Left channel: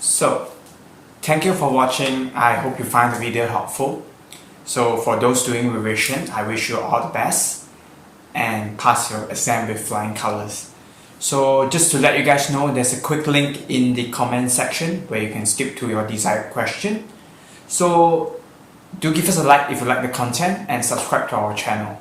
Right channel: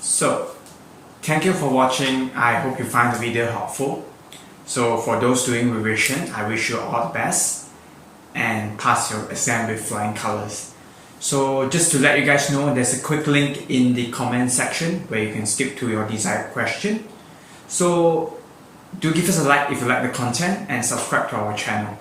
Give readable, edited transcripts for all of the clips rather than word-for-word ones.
So, thank you for watching. I hope you find the video helpful. So for those doing revision, I wish you all the best and pass your exam with flying colors. So just to let you guys know, there's a quick link in the comment section where you can skip to your desired question. So do give us a like if you like the content and subscribe to our channel.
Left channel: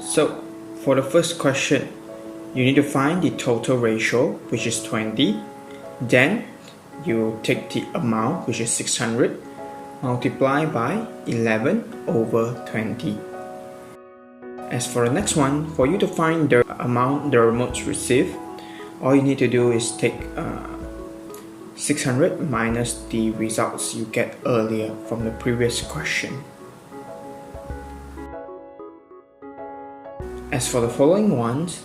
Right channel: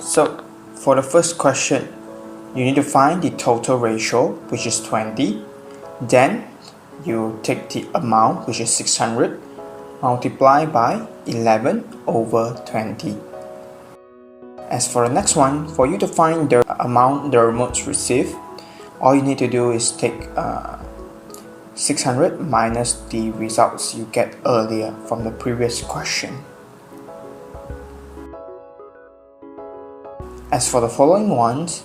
So for the first question, you need to find the total ratio, which is 20. Then you take the amount, which is 600, multiply by 11 over 20. As for the next one, for you to find the amount the remotes receive, all you need to do is take 600 minus the results you get earlier from the previous question. As for the following ones,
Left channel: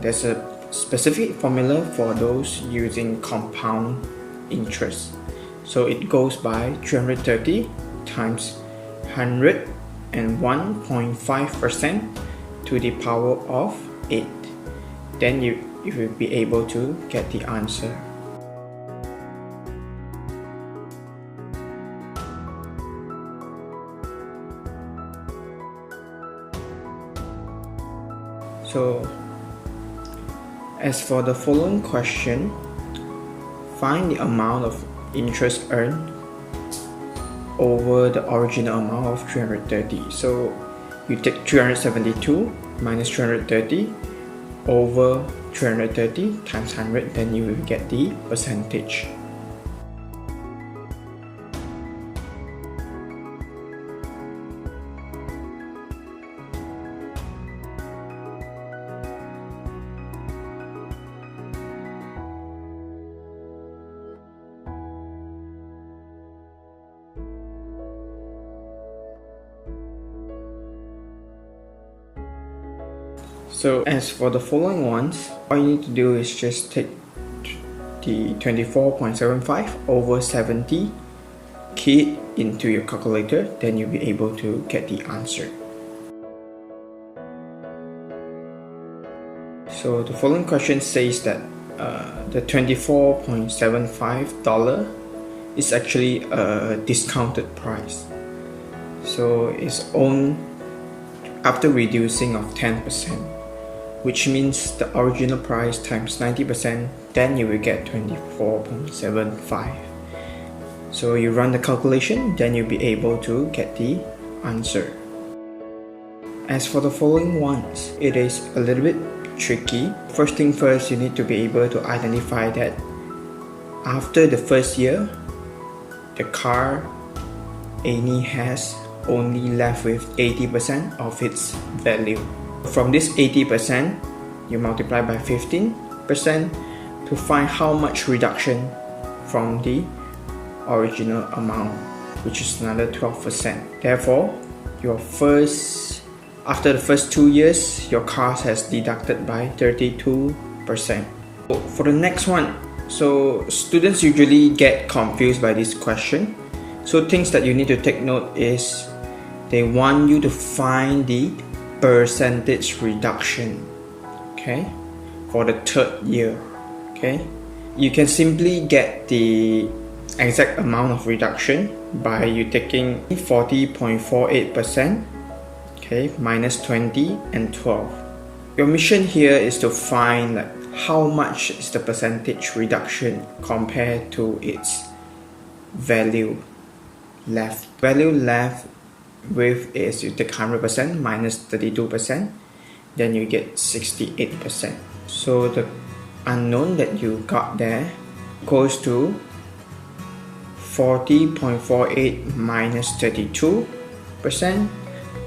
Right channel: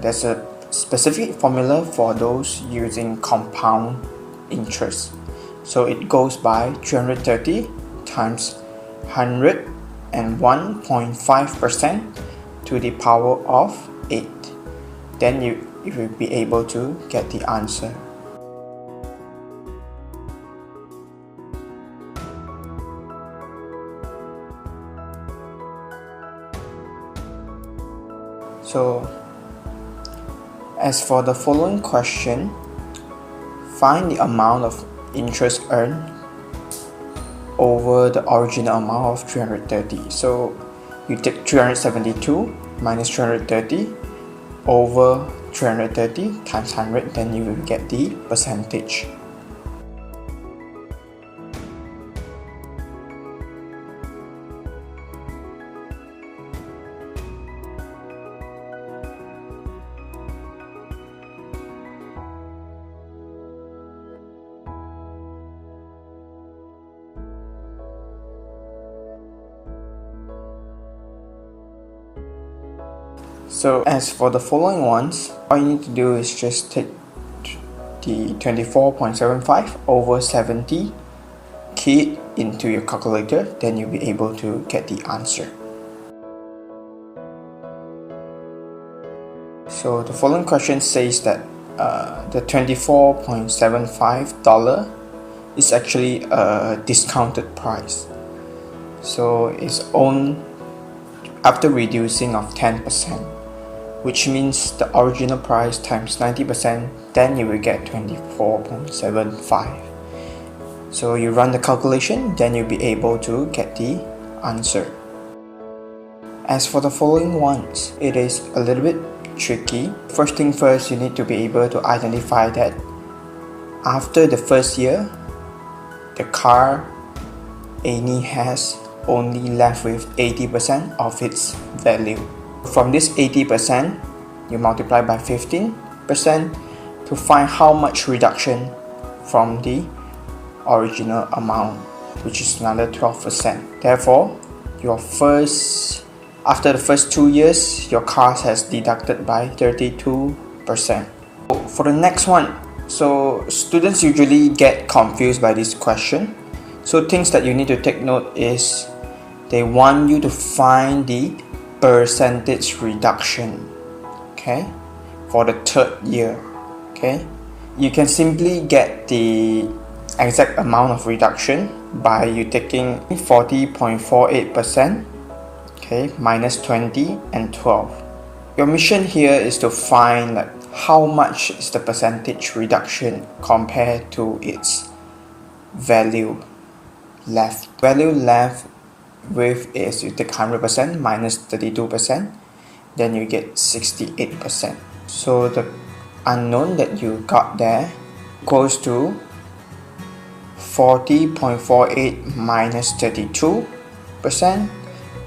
there's a specific formula for those using compound interest. So it goes by 330 times 101.5% to the power of 8. Then you will be able to get the answer. So, as for the following question, find the amount of interest earned over the original amount of 330. So, you take 372 minus 330 over 330 times 100, then you will get the percentage. So as for the following ones, all you need to do is just take the 24.75 over 70, key it into your calculator, then you'll be able to get the answer. So the following question says that the $24.75 is actually a discounted price. So it's owned after reducing of 10%. Which means the original price times 90%, then you will get 24.75. So you run the calculation, then you'll be able to get the answer. As for the following ones, it is a little bit tricky. First thing first, you need to be able to identify that after the first year, the car only has left with 80% of its value. From this 80%, you multiply by 15% to find how much reduction from the original amount, which is another 12%. Therefore, after the first 2 years, your car has deducted by 32%. For the next one, so students usually get confused by this question. So things that you need to take note is they want you to find the percentage reduction, okay, for the third year. Okay, you can simply get the exact amount of reduction by you taking 40.48%, okay, minus 20 and 12. Your mission here is to find how much is the percentage reduction compared to its value left. Value left with is you take 100% minus 32%, then you get 68%. So the unknown that you got there goes to 40.48 minus 32%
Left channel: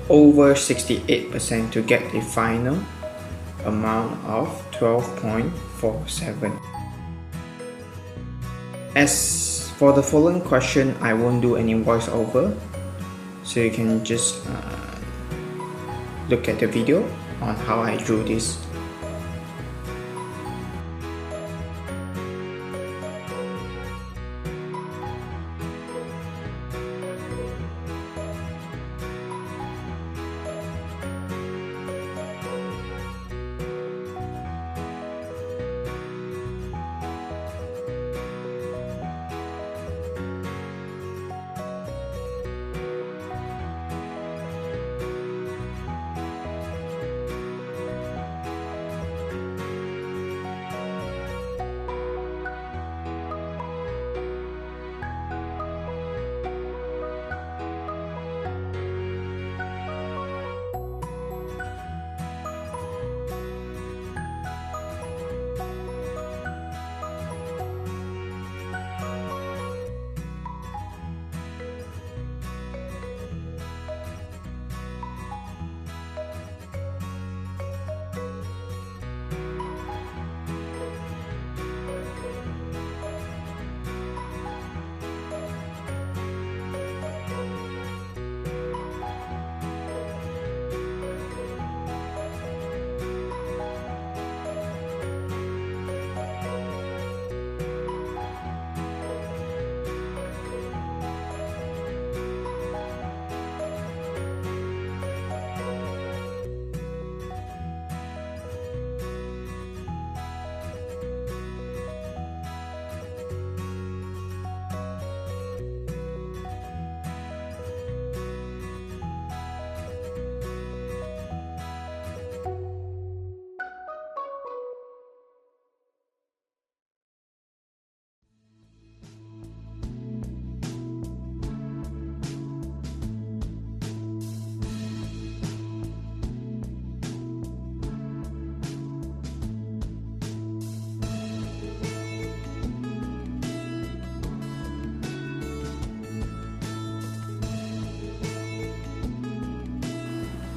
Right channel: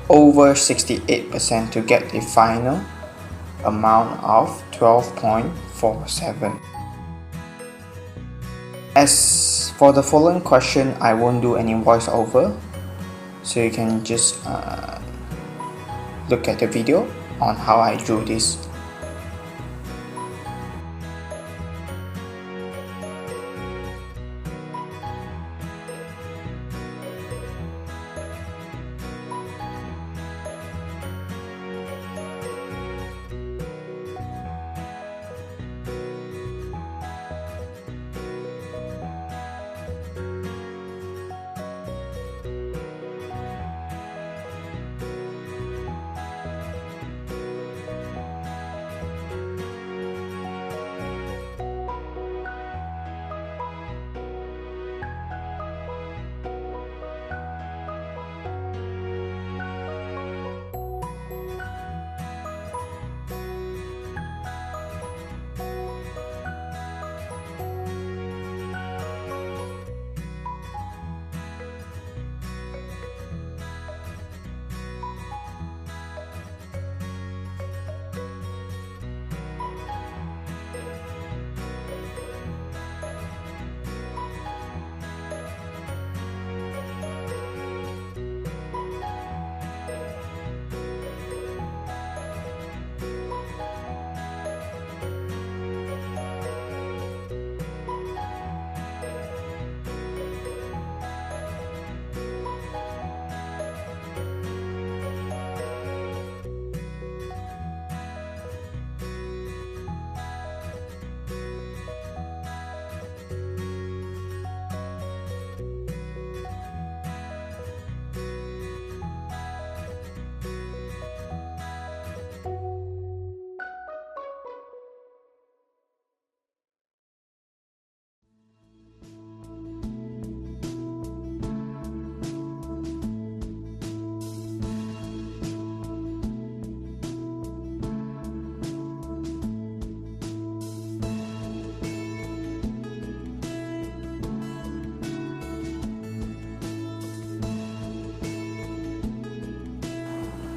over 68% to get the final amount of 12.47. As for the following question, I won't do any voiceover. So you can just look at the video on how I drew this.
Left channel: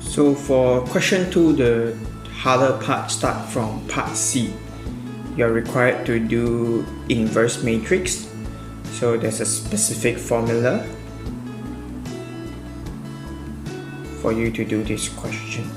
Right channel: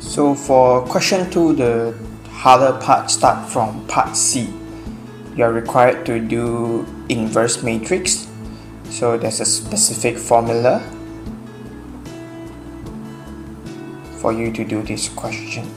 So for question 2, the harder part start from part C. You are required to do inverse matrix. So there's a specific formula for you to do this question.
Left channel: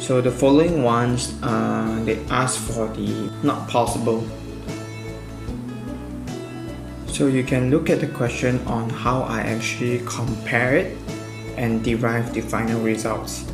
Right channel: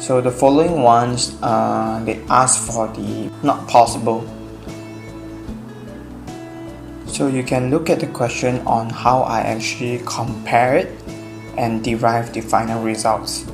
So the following ones, they ask for the not possible. So you can look at the question on how I actually compare it and derive the final results.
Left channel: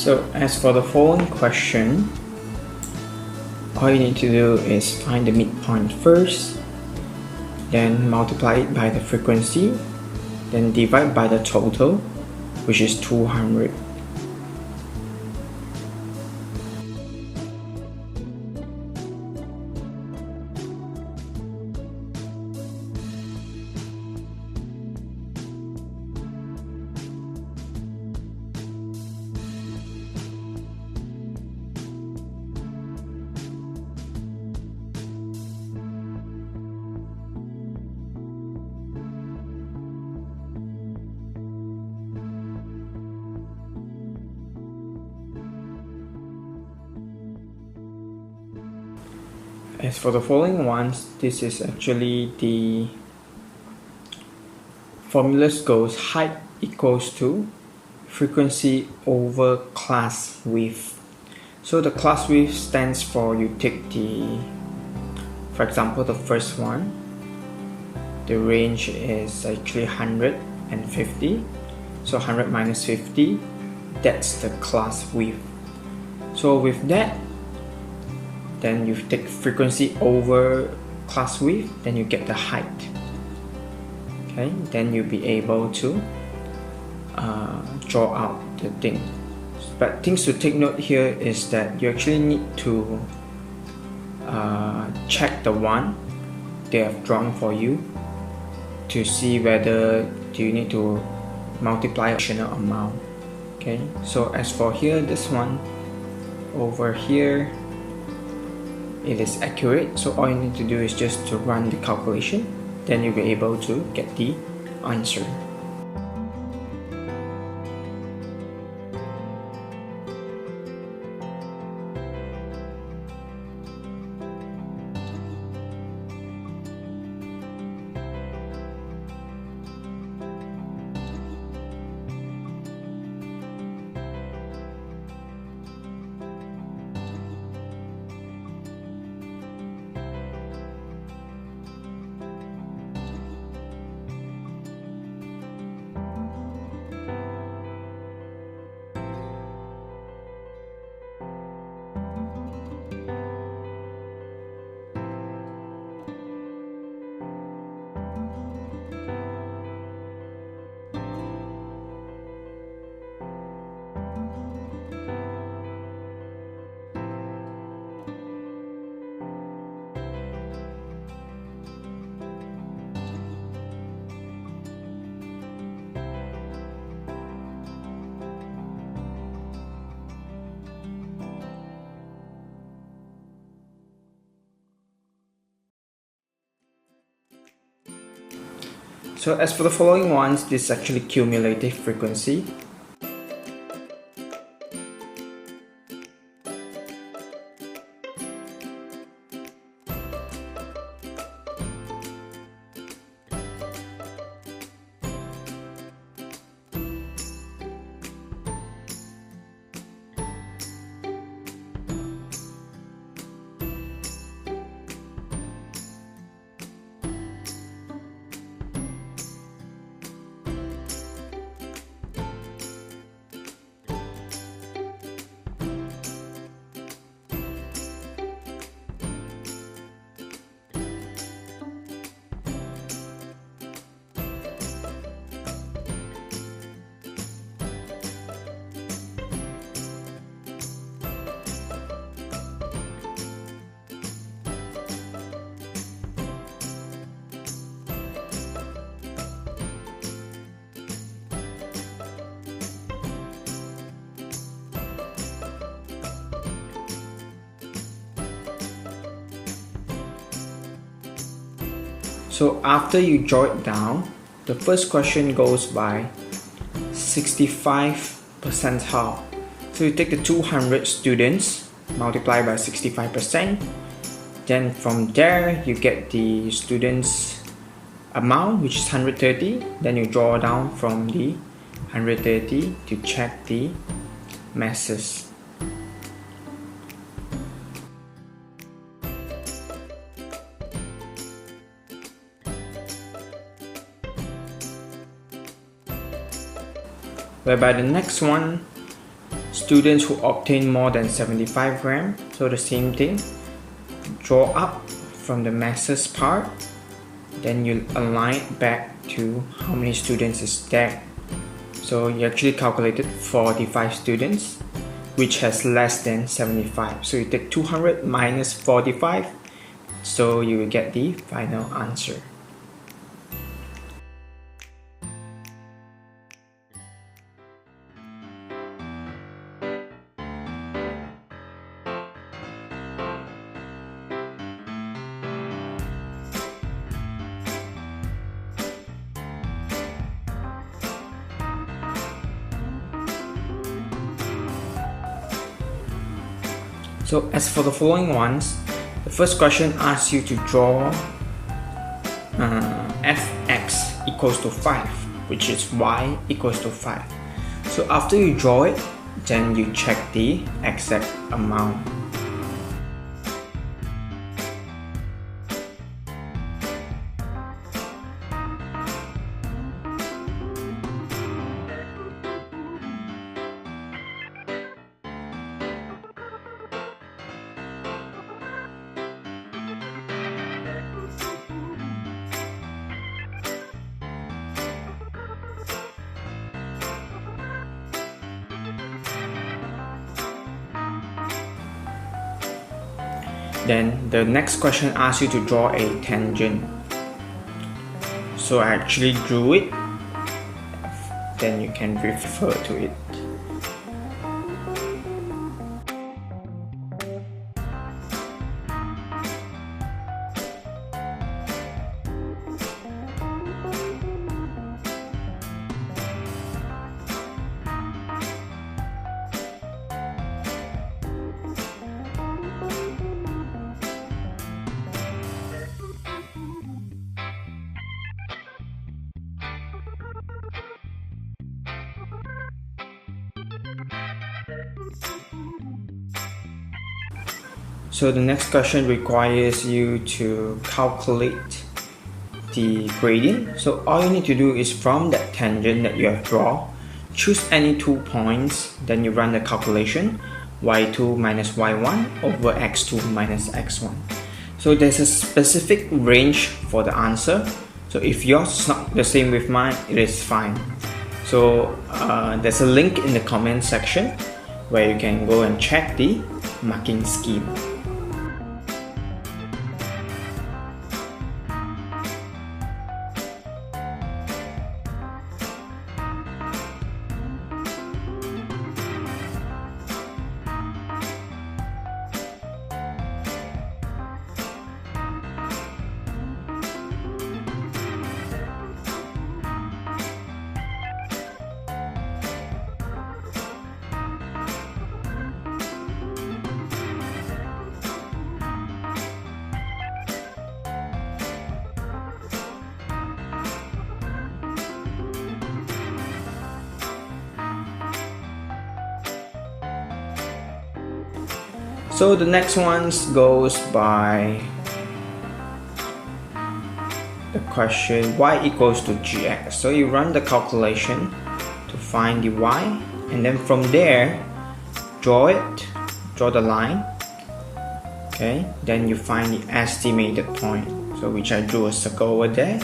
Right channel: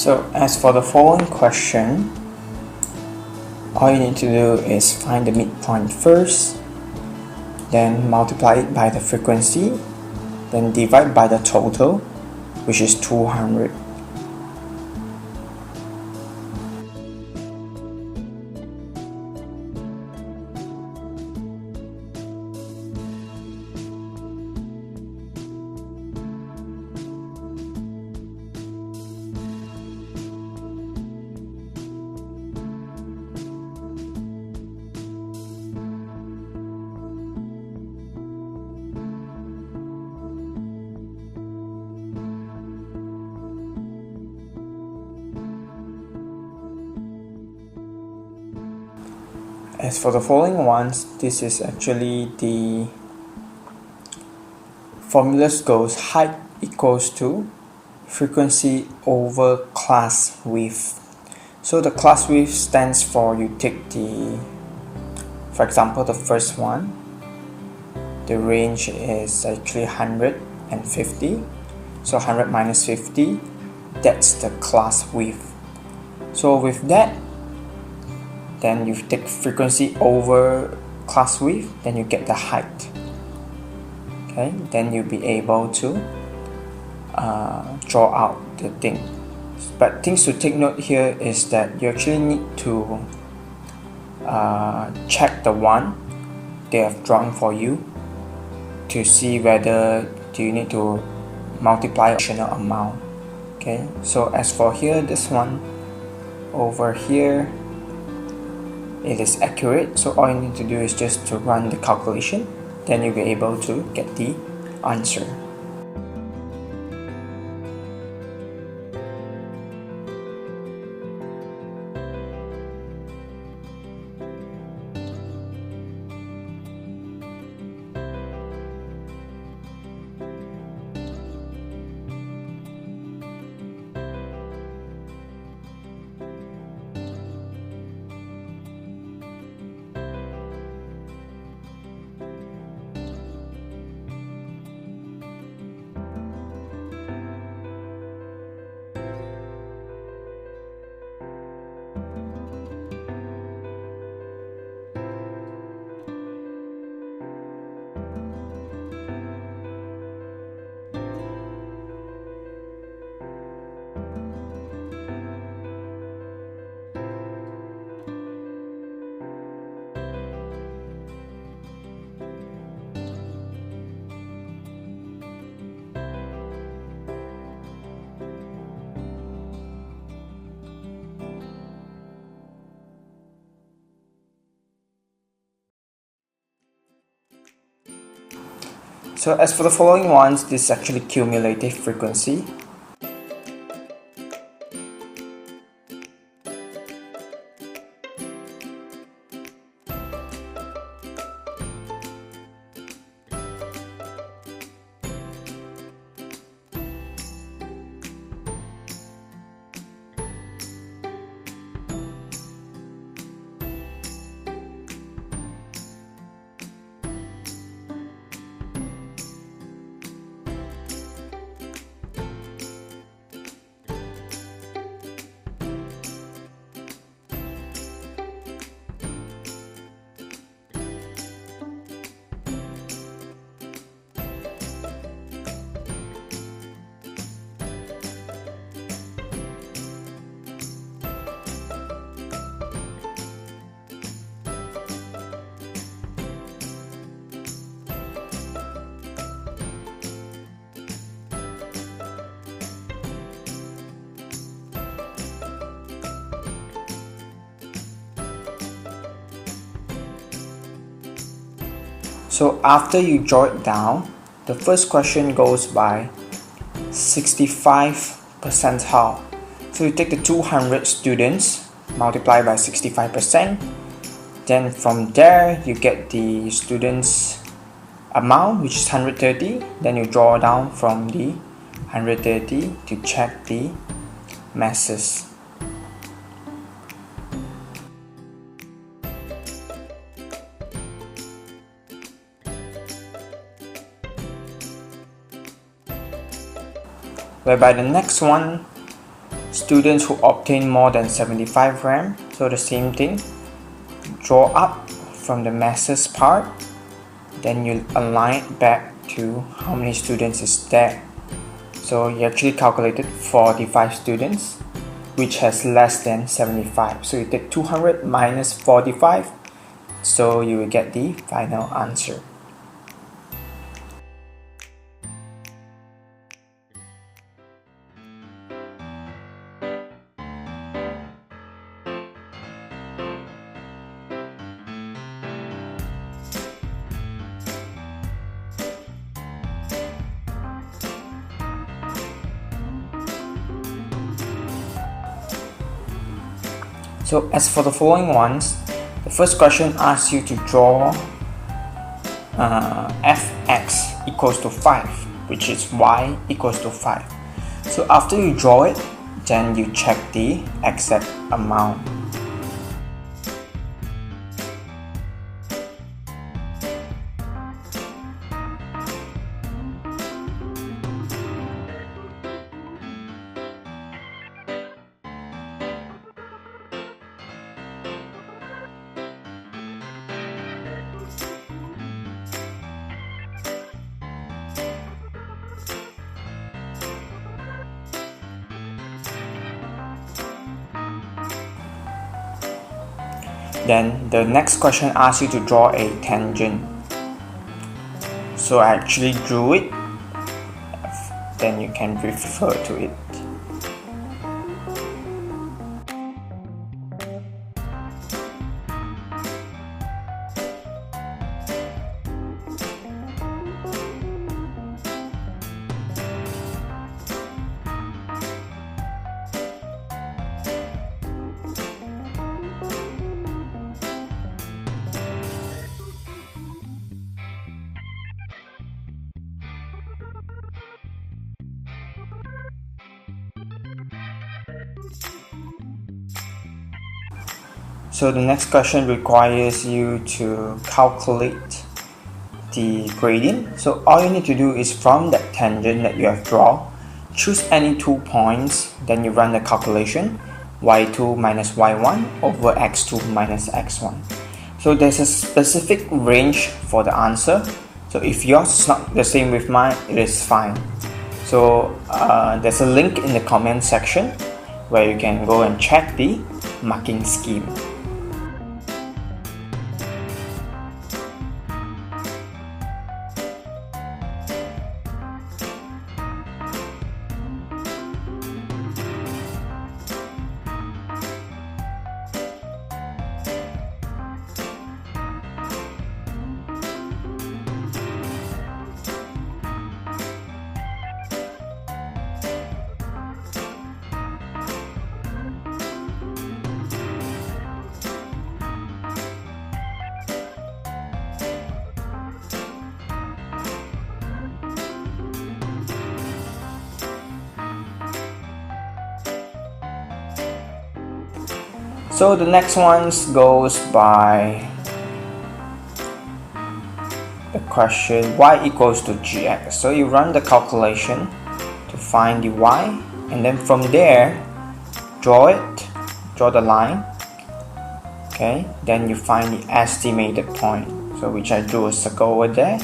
So as for the following question, all you need to do is find the midpoint first, then multiply it by the frequency, then divide by the total, which is 200. As for the following ones, this is actually the formula goes height equals to frequency over class width. So the class width stands for, you take for example, the first one, the range is actually 150. So 100 minus 50, that's the class width. So with that, then you take frequency over class width, then you get the height. Okay, then you'll be able to draw out the thing. But things to take note here is that you actually need to check the one they have drawn for you to see whether do you need to multiply additional amount. Okay, so as for here, this one over here, it is accurate, so all you need to do is just to run the calculation, then you'll be able to get the answer. So as for the following ones, this is actually cumulative frequency. So after you draw it down, the first question goes by 65 percentile. So you take the 200 students, multiply by 65%. Then from there, you get the students amount, which is 130. Then you draw down from the 130 to check the masses. Whereby the next one, students who obtain more than 75 gram. So the same thing, draw up from the masses part, then you align it back to how many students is there. So you actually calculated 45 students which has less than 75. So you take 200 minus 45, so you will get the final answer. So as for the following ones, the first question asks you to draw fx equals to 5, which is y equals to 5. So after you draw it, then you check the exact amount. Then the next question asks you to draw a tangent. So I actually drew it, then you can refer to it. So the next question requires you to calculate the gradient. So all you need to do is from that tangent that you have drawn, choose any 2 points, then you run the calculation y2 minus y1 over x2 minus x1. So there's a specific range for the answer. So if yours is not the same with mine, it is fine. So there's a link in the comment section where you can go and check the marking scheme. So the next one goes by the question y equals to gx. So you run the calculation to find the y, and then from there draw the line. Okay, then you find the estimated point, so which I drew a circle over there.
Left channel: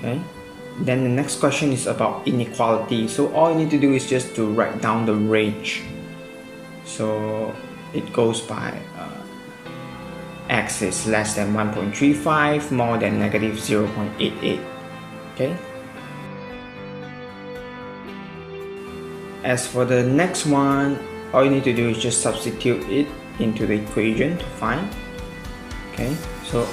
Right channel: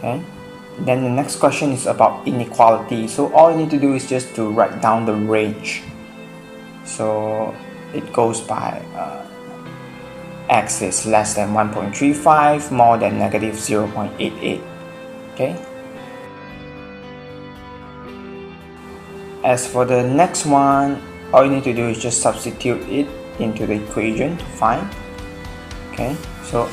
Okay. Then the next question is about inequality. So all you need to do is just to write down the range. So it goes by x is less than 1.35, more than negative 0.88. Okay. As for the next one, all you need to do is just substitute it into the equation to find. Okay, so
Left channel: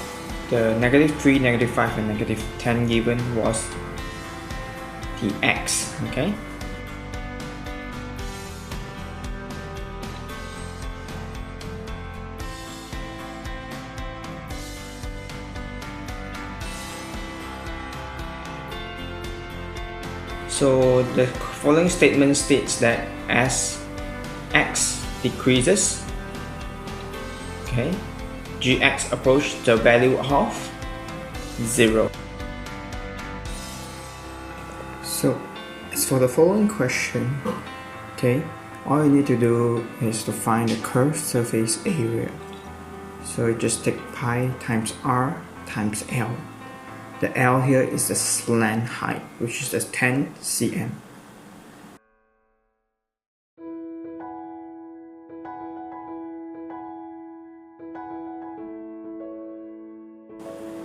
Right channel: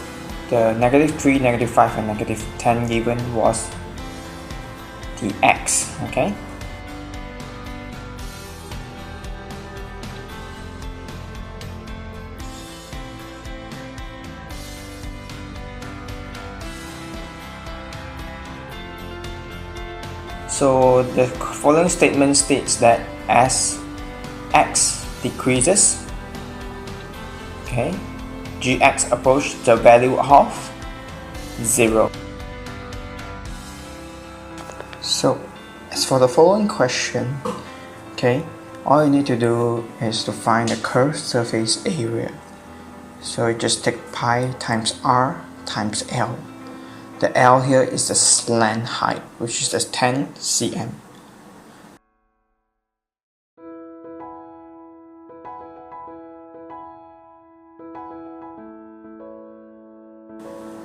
the negative 3, negative 5, and negative 10 given was the x. Okay. So the following statement states that as x decreases, okay, gx approach the value of 0. So as for the following question, okay, all you need to do is to find the curved surface area. So just take pi times r times L. The L here is the slant height, which is the 10 cm.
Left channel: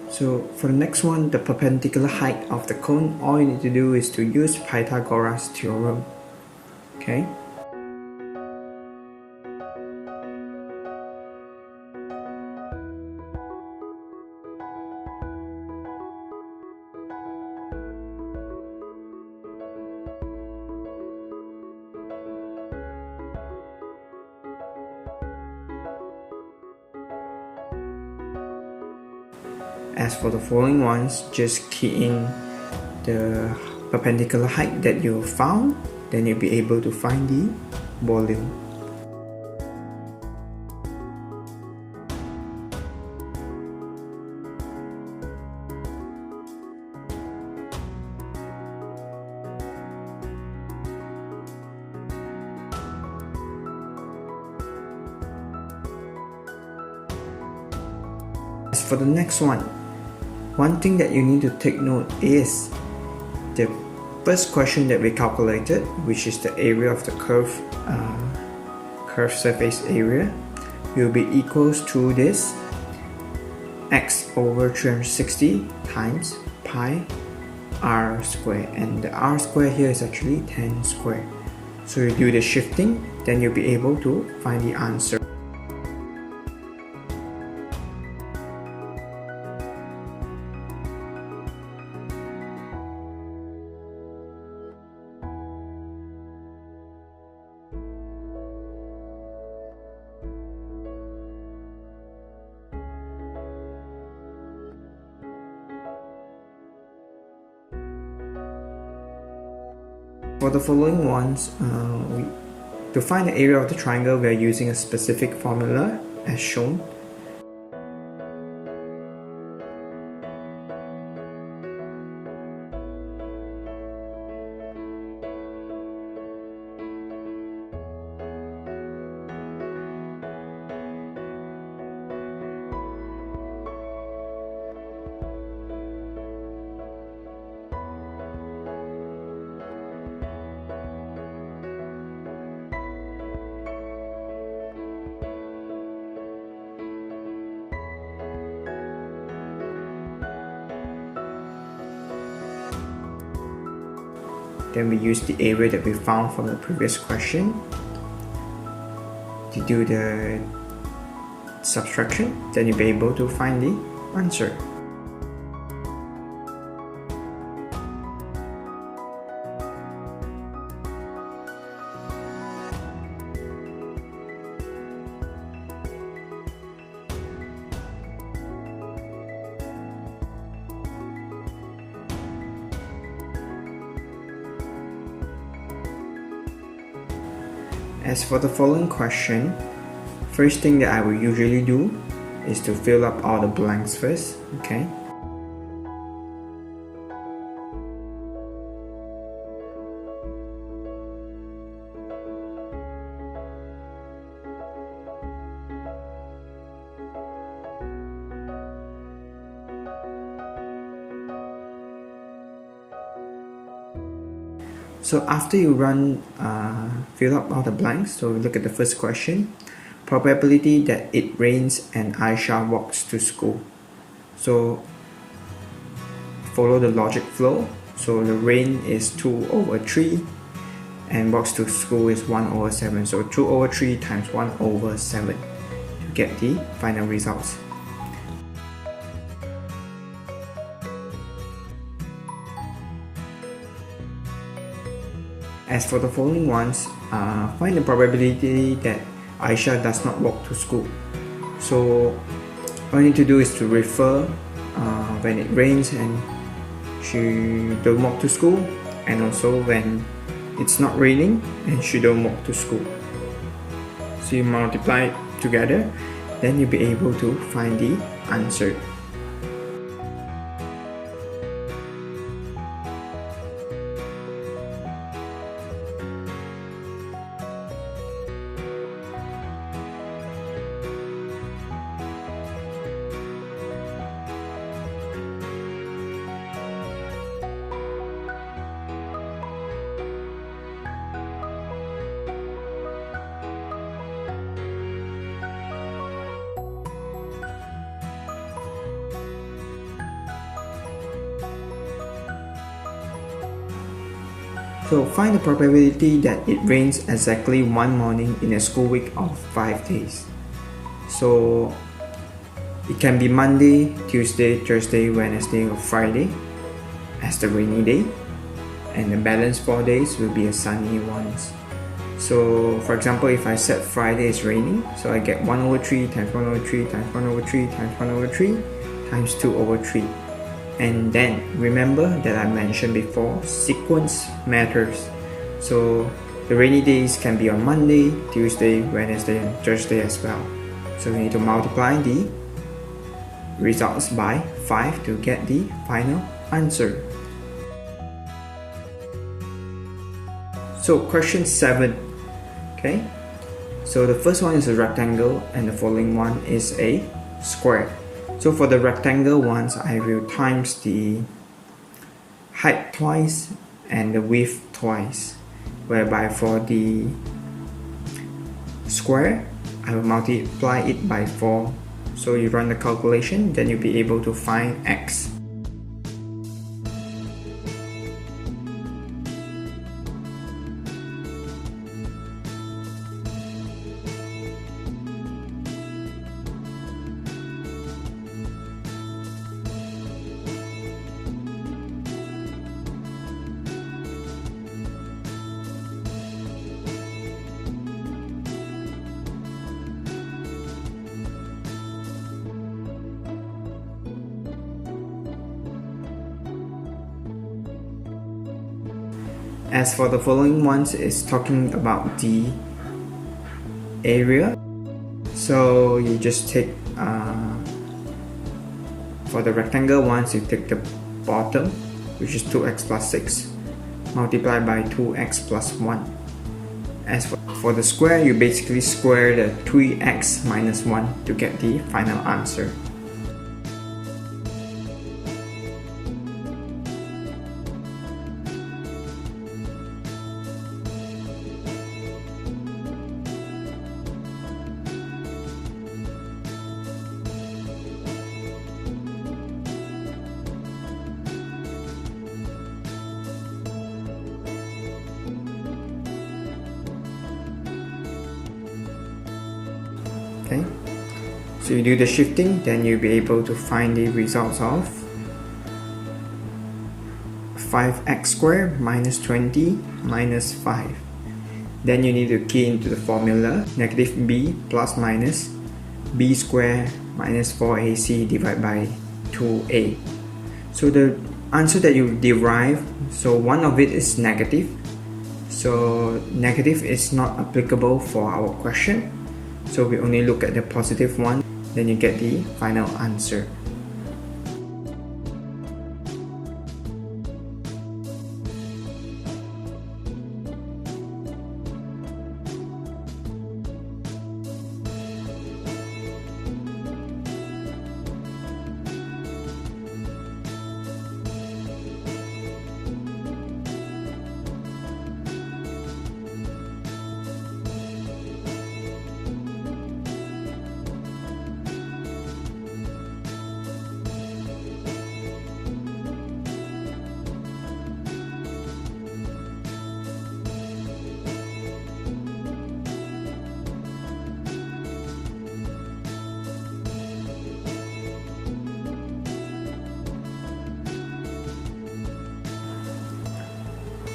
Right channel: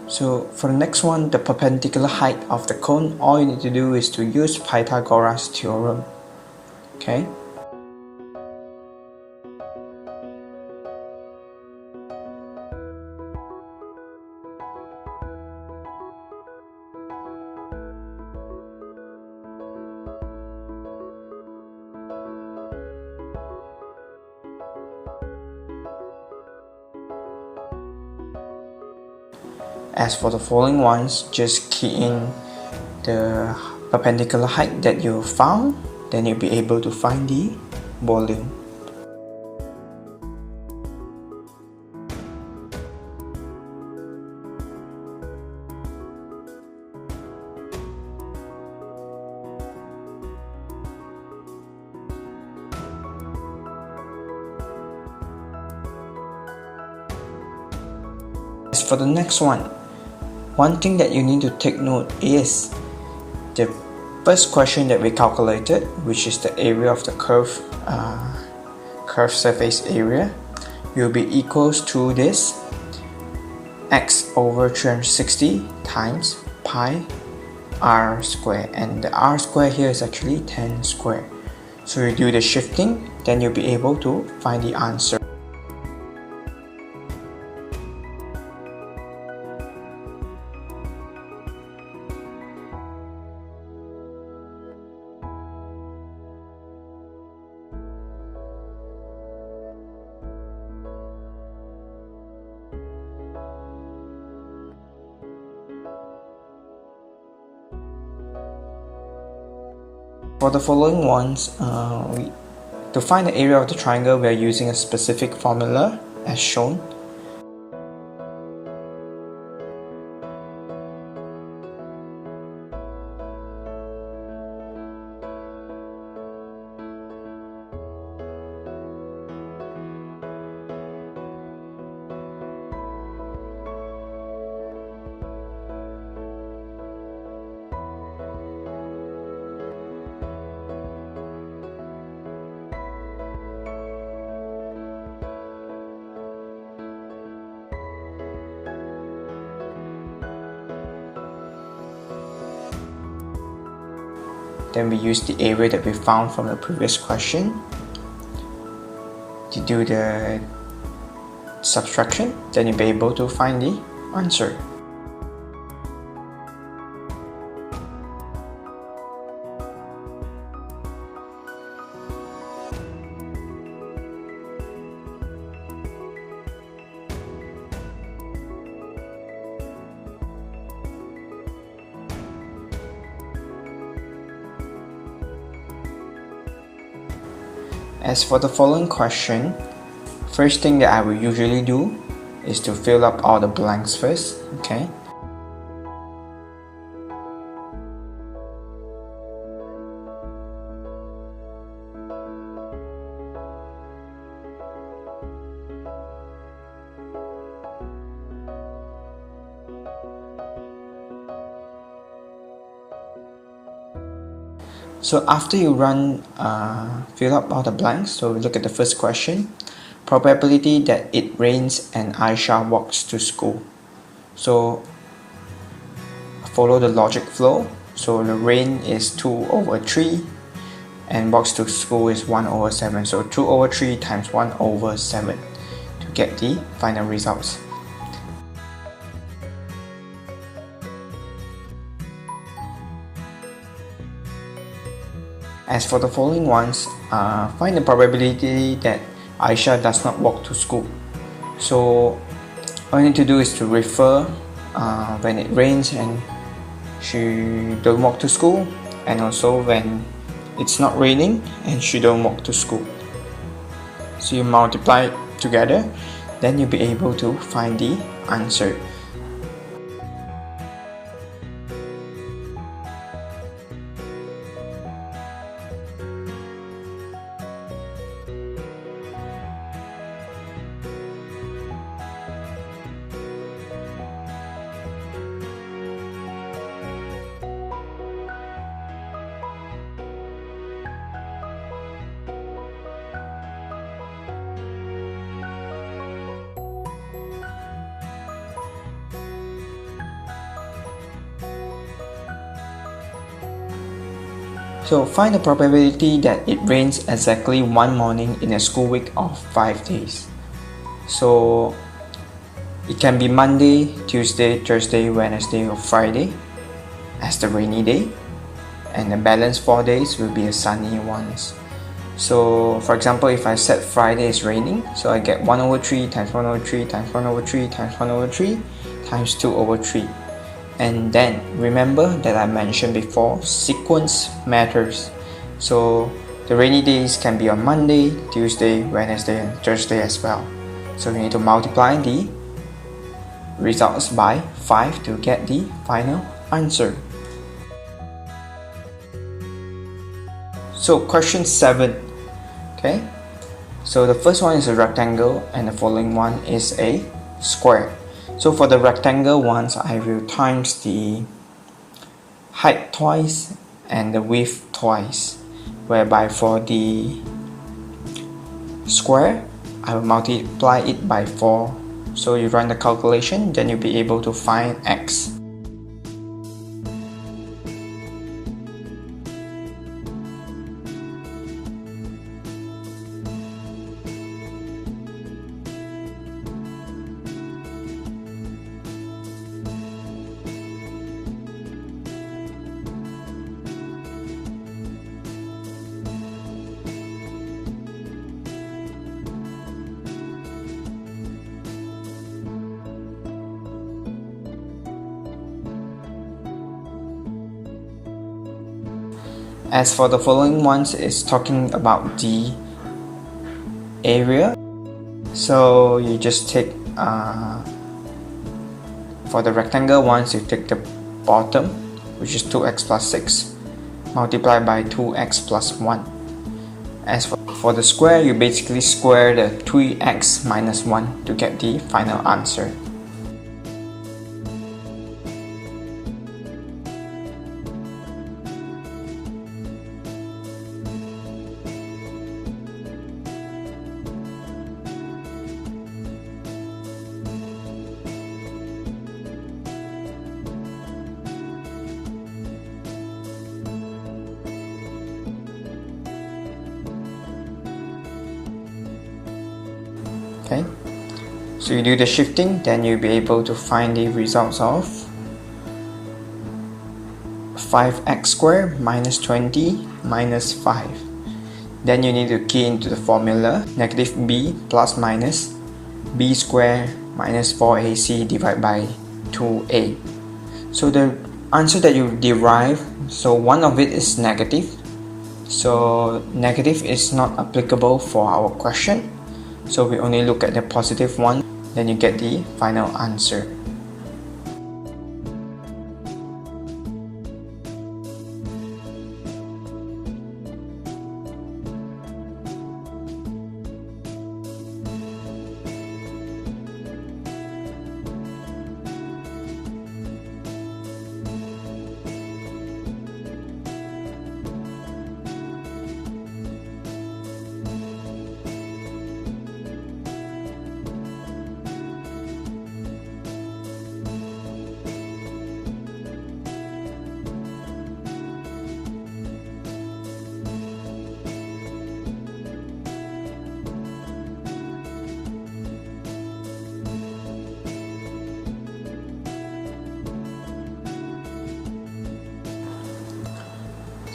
So for the next one, the perpendicular height of the cone, all you need to do is to use Pythagoras theorem. Okay. As for the following ones, just key in the perpendicular height that you found, then you'll be able to find the volume. As for the next one thing that you need to take note is the first question that we calculated, which is the area of the curved surface area, will be equals to this x over 360 times pi r square, and the r square here is actually 10 square. So you do the shifting, then you'll be able to find the answer. For the following ones, to find the area of the triangle, we are using a specific formula as shown. Then we use the area that we found from the previous question to do the subtraction, then you'll be able to find the answer. As for the following question, first thing that I will usually do is to fill up all the blanks first, okay? So after you fill up all the blanks, so we look at the first question. Probability that it rains and Aisha walks to school. So follow the logic flow. So the rain is 2 over 3 and walks to school is 1 over 7. So 2 over 3 times 1 over 7 to get the final results. As for the following ones, find the probability that Aisha does not walk to school. So all you need to do is to refer when it rains and she don't walk to school, and also when it's not raining and she don't walk to school. So you multiply it together, then you'll be able to find the answer. So find the probability that it rains exactly one morning in a school week of 5 days. So it can be Monday, Tuesday, Thursday, Wednesday or Friday as the rainy day, and the balance 4 days will be a sunny ones. So for example, if I said Friday is raining, so I get 1 over 3 times 1 over 3 times 1 over 3 times 1 over 3 times 2 over 3. And then remember that I mentioned before, sequence matters. So the rainy days can be on Monday, Tuesday, Wednesday and Thursday as well. So we need to multiply the results by 5 to get the final answer. So question 7. Okay, so the first one is a rectangle and the following one is a square. So for the rectangle ones, I will times the height twice and the width twice, whereby for the square, I will multiply it by 4. So you run the calculation, then you'll be able to find x. As for the following ones, is talking about the area. So you just take, for the rectangle ones, you take the bottom, which is 2x plus 6, multiply by 2x plus 1. As for the square, you basically square the 3x minus 1 to get the final answer. Okay, so you do the shifting, then you'll be able to find the results of 5x squared minus 20 minus 5. Then you need to key into the formula negative b plus minus b squared minus 4ac divided by 2a. So the answer that you derive, so one of it is negative. So negative is not applicable for our question. So we only look at the positive one, then you get the final answer.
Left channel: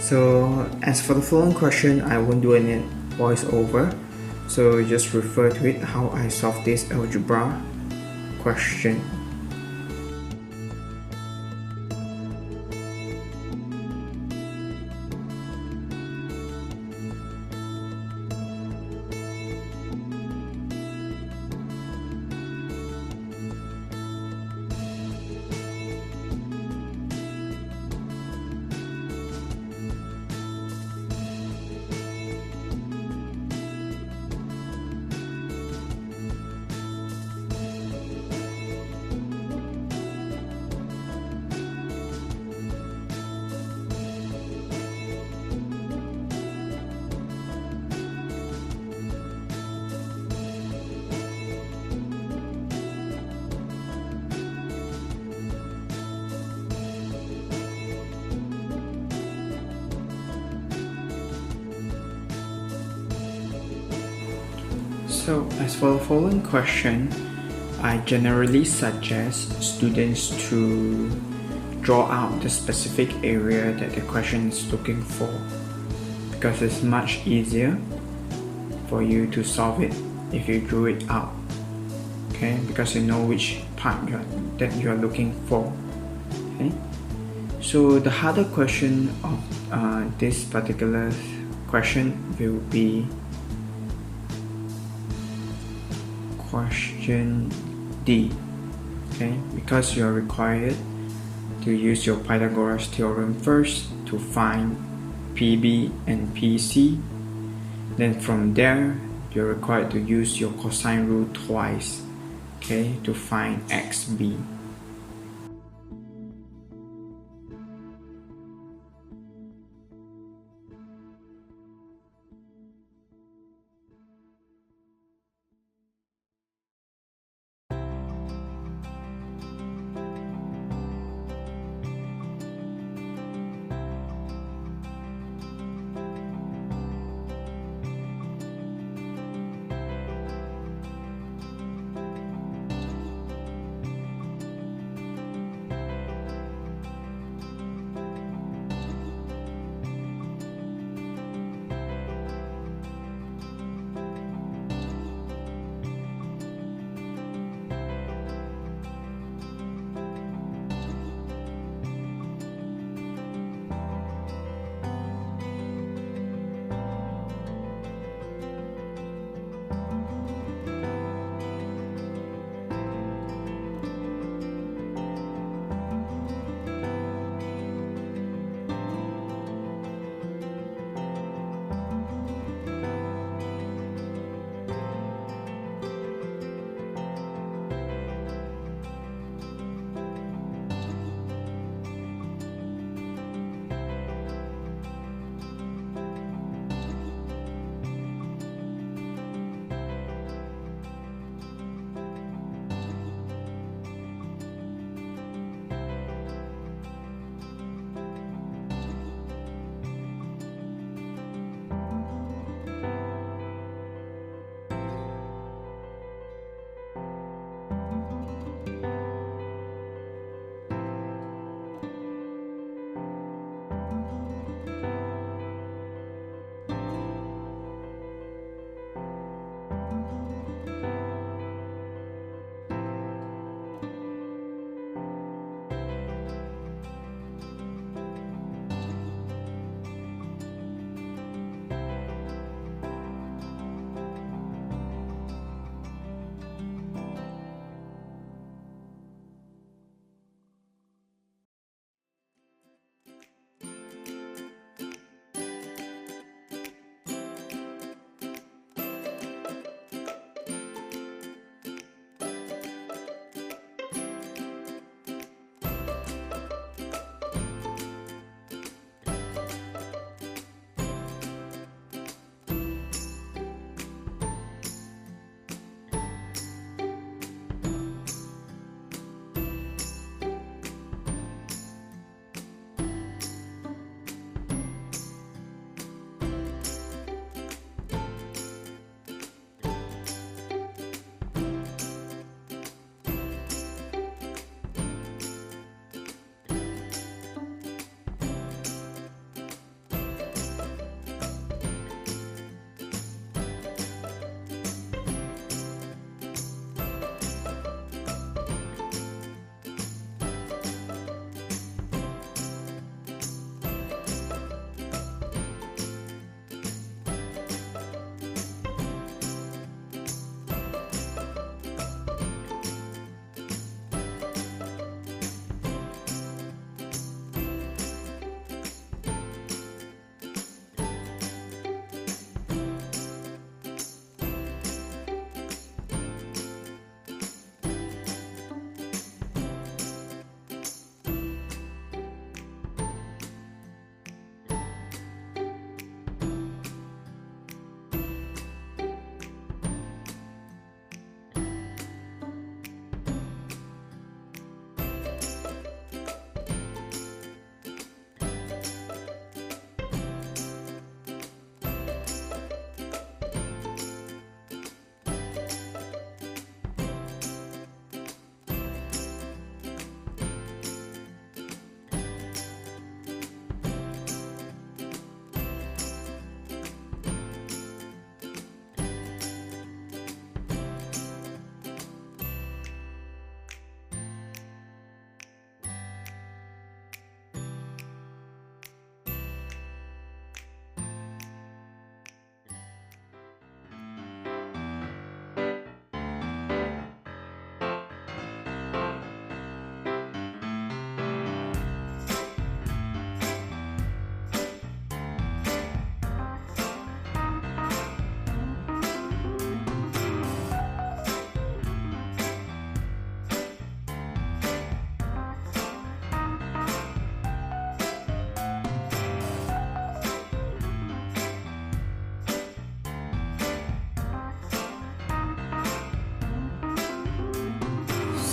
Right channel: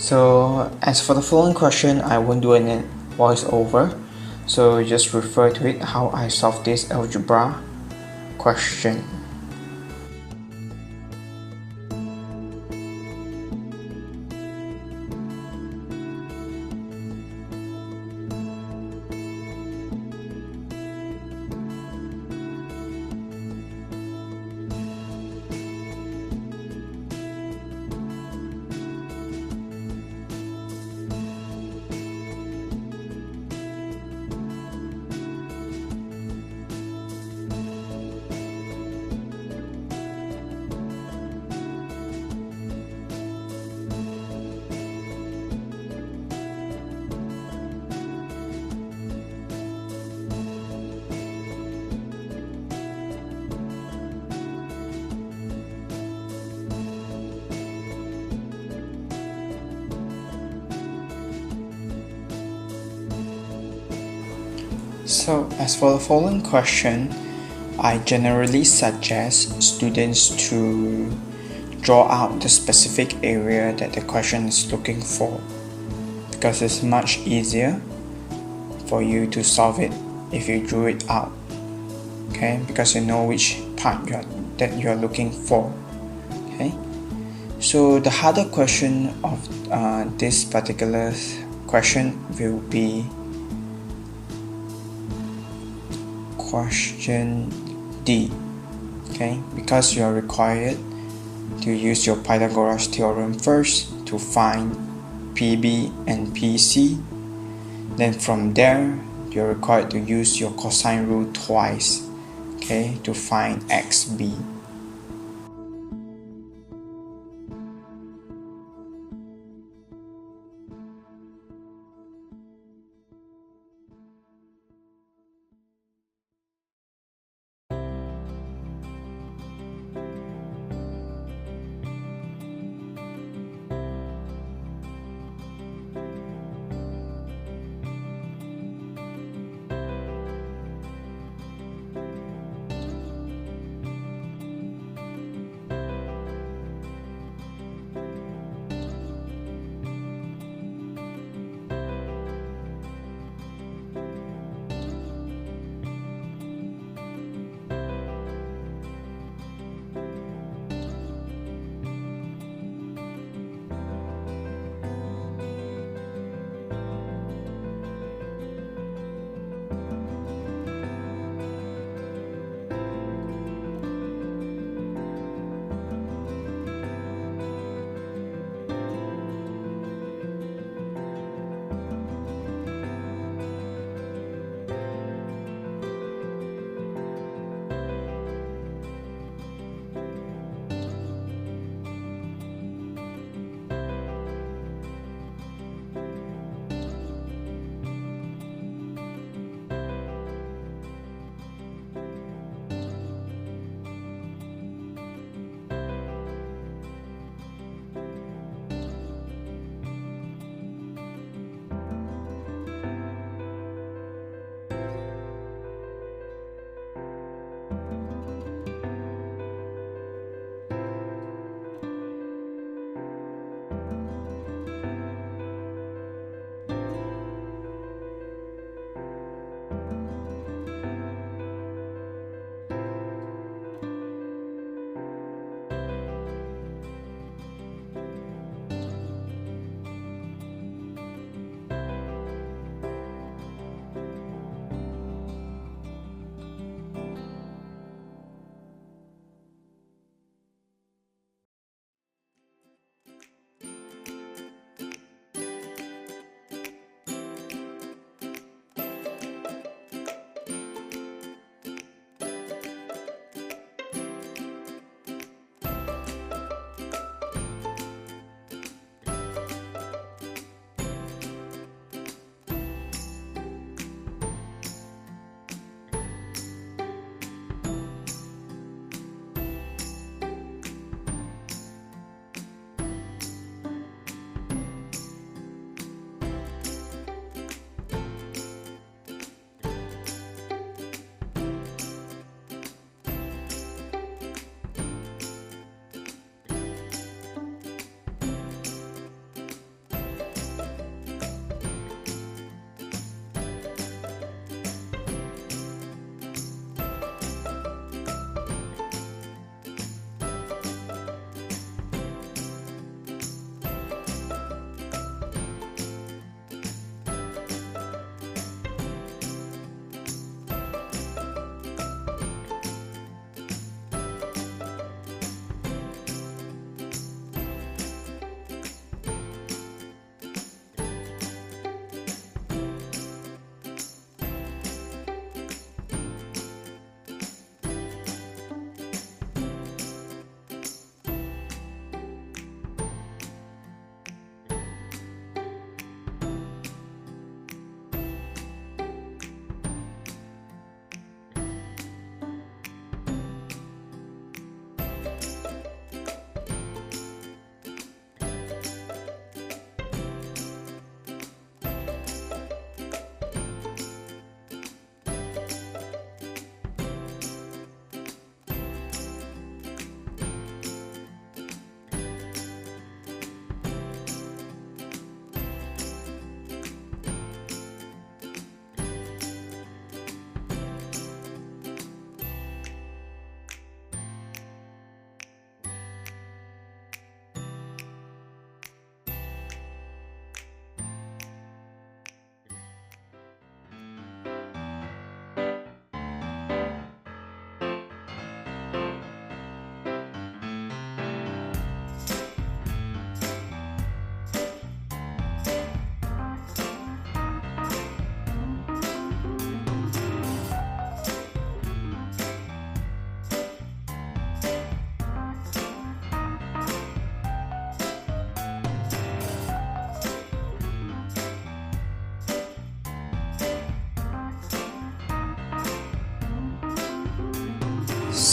So as for the following question, I won't do any voiceover, so just refer to it how I solved this algebra question. So as for the following question, I generally suggest students to draw out the specific area that the question is looking for, because it's much easier for you to solve it if you drew it out, okay, because you know which part that you're looking for. Okay, so the harder question of this particular question will be question D, okay, because you are required to use your Pythagoras theorem first to find PB and PC. Then from there, you're required to use your cosine rule twice, okay, to find XB.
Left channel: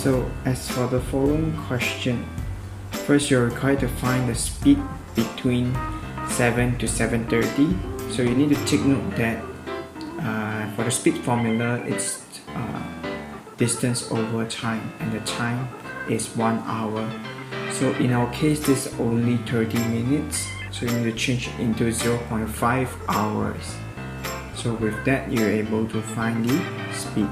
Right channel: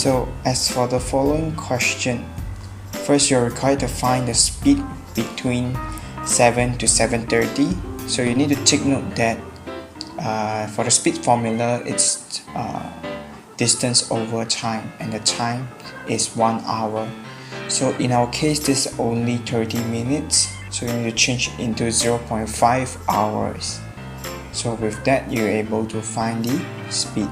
So as for the following question, first you're required to find the speed between 7 to 7:30. So you need to take note that for the speed formula, it's distance over time, and the time is 1 hour. So in our case, this is only 30 minutes, so you need to change it into 0.5 hours. So with that, you're able to find the speed.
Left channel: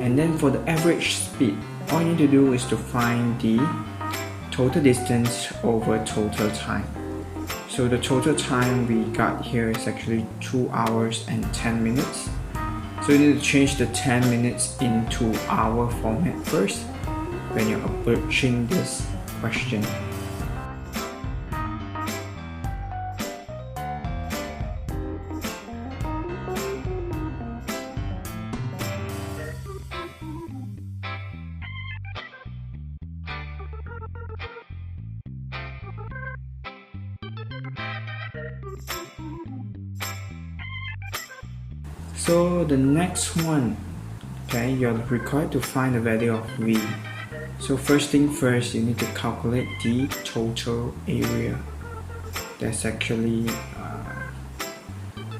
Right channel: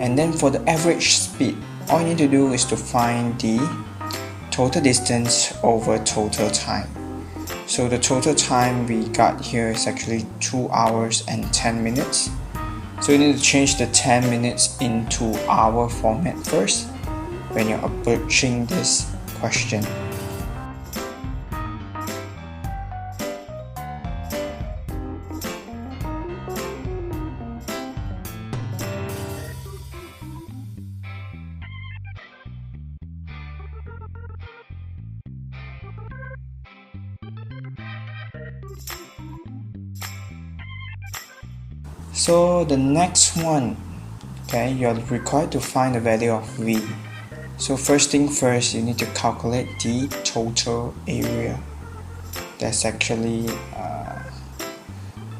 And then for the average speed, all you need to do is to find the total distance over total time. So the total time we got here is actually 2 hours and 10 minutes. So you need to change the 10 minutes into hour format first when you're approaching this question. So the next one, okay, you're required to find the value of V. So first thing first, you need to calculate the total area. There's actually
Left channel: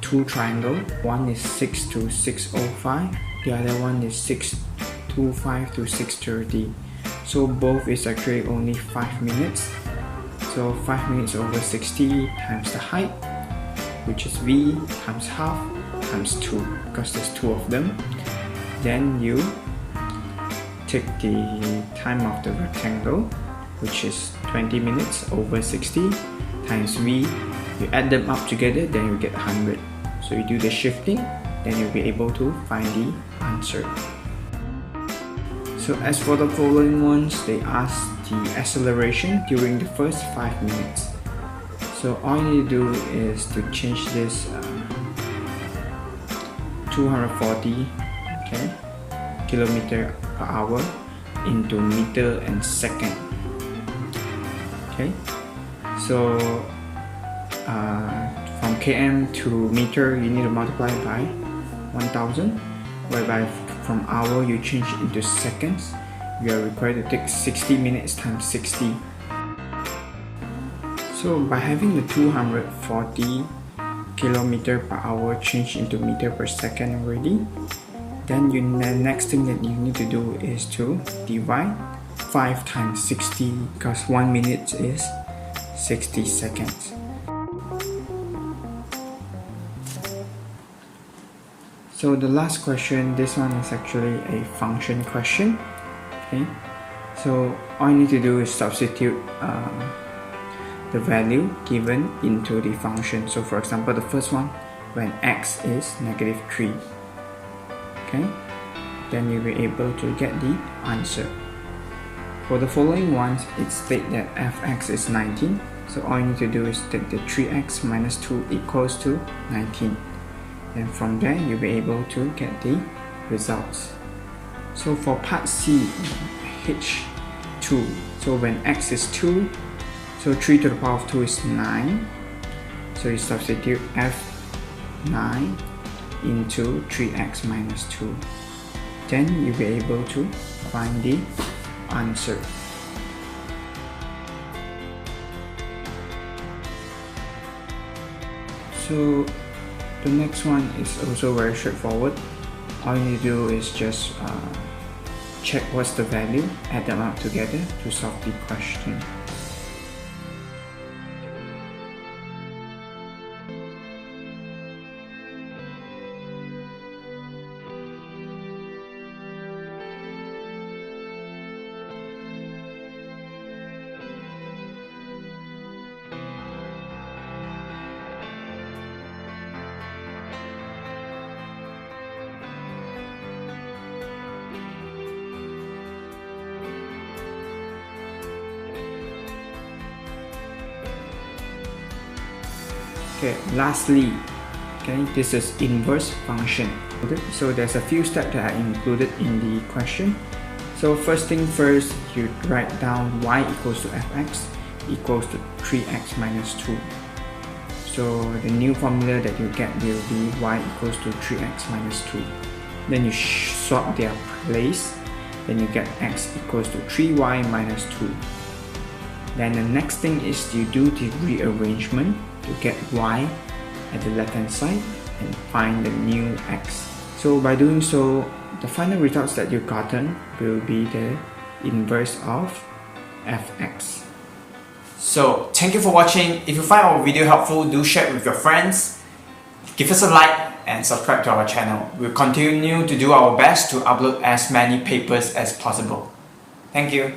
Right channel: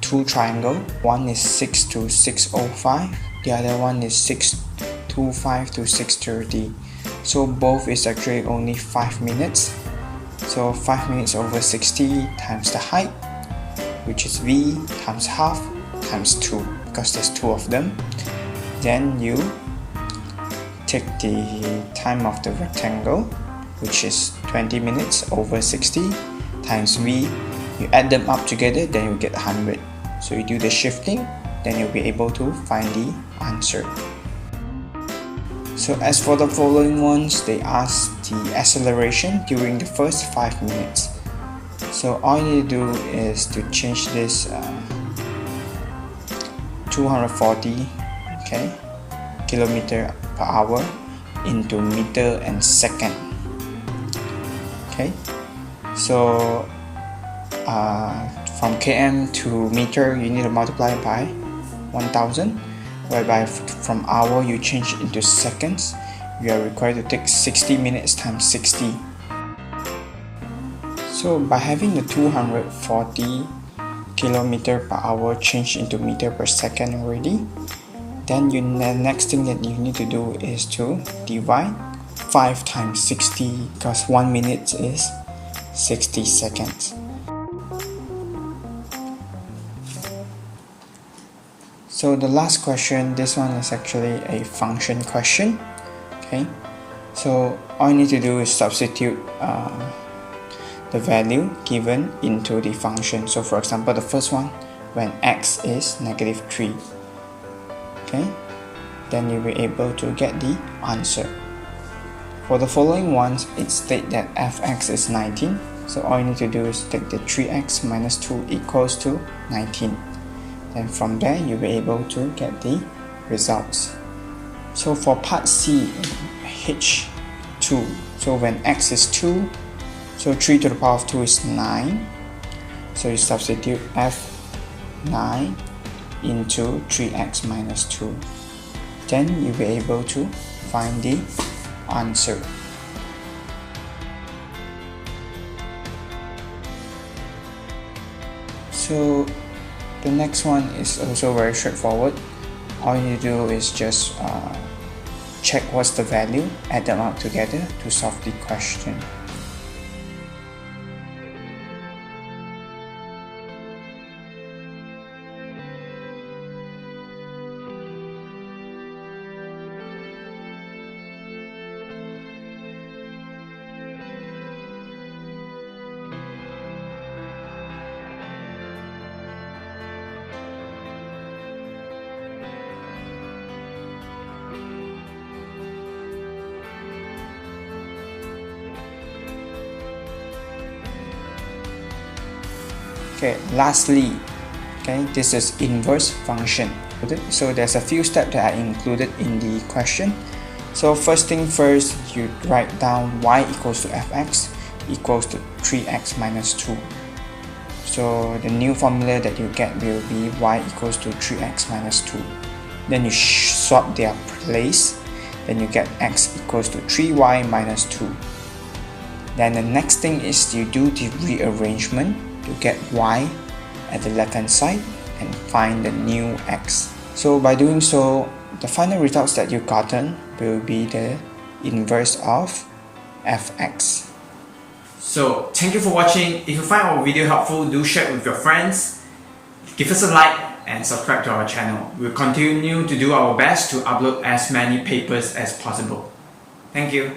two triangles. One is 6 to 605, the other one is 625 to 630. So both is actually only 5 minutes. So 5 minutes over 60 times the height, which is V, times half, times 2, because there's 2 of them. Then you take the time of the rectangle, which is 20 minutes over 60, times V. You add them up together, then you get 100. So you do the shifting, then you'll be able to find the answer. So as for the following ones, they ask the acceleration during the first 5 minutes. So all you need to do is to change this 240 kilometer per hour into meter and second. Okay, so from km to meter, you need to multiply by 1000, whereby from hour you change into seconds. We are required to take 60 minutes times 60. So by having the 240 kilometer per hour change into meter per second already, then the next thing that you need to do is to divide 5 times 60, because 1 minute is 60 seconds. So the last question, this one is actually a function question. Okay, so all you need to do is substitute the value given into the function. So for example, the first one, when x is -3, okay, then you'll be able to get the answer. For the following ones, it states that fx is 19, so all you need to do is take the 3x minus 2 equals to 19, and from there you'll be able to get the results. So for part C, H2, so when x is 2, so 3 to the power of 2 is 9, so you substitute f9 into 3x minus 2, then you'll be able to find the answer. So the next one is also very straightforward. All you do is just check what's the value, add them up together to solve the question. Okay, lastly, okay, this is inverse function. So there's a few steps that are included in the question. So first thing first, you write down y equals to fx equals to 3x minus 2. So the new formula that you get will be y equals to 3x minus 2. Then you swap their place, then you get x equals to 3y minus 2. Then the next thing is you do the rearrangement to get y at the left hand side and find the new x. So by doing so, the final results that you've gotten will be the inverse of fx. So thank you for watching. If you find our video helpful, do share it with your friends, give us a like and subscribe to our channel. We'll continue to do our best to upload as many papers as possible. Thank you.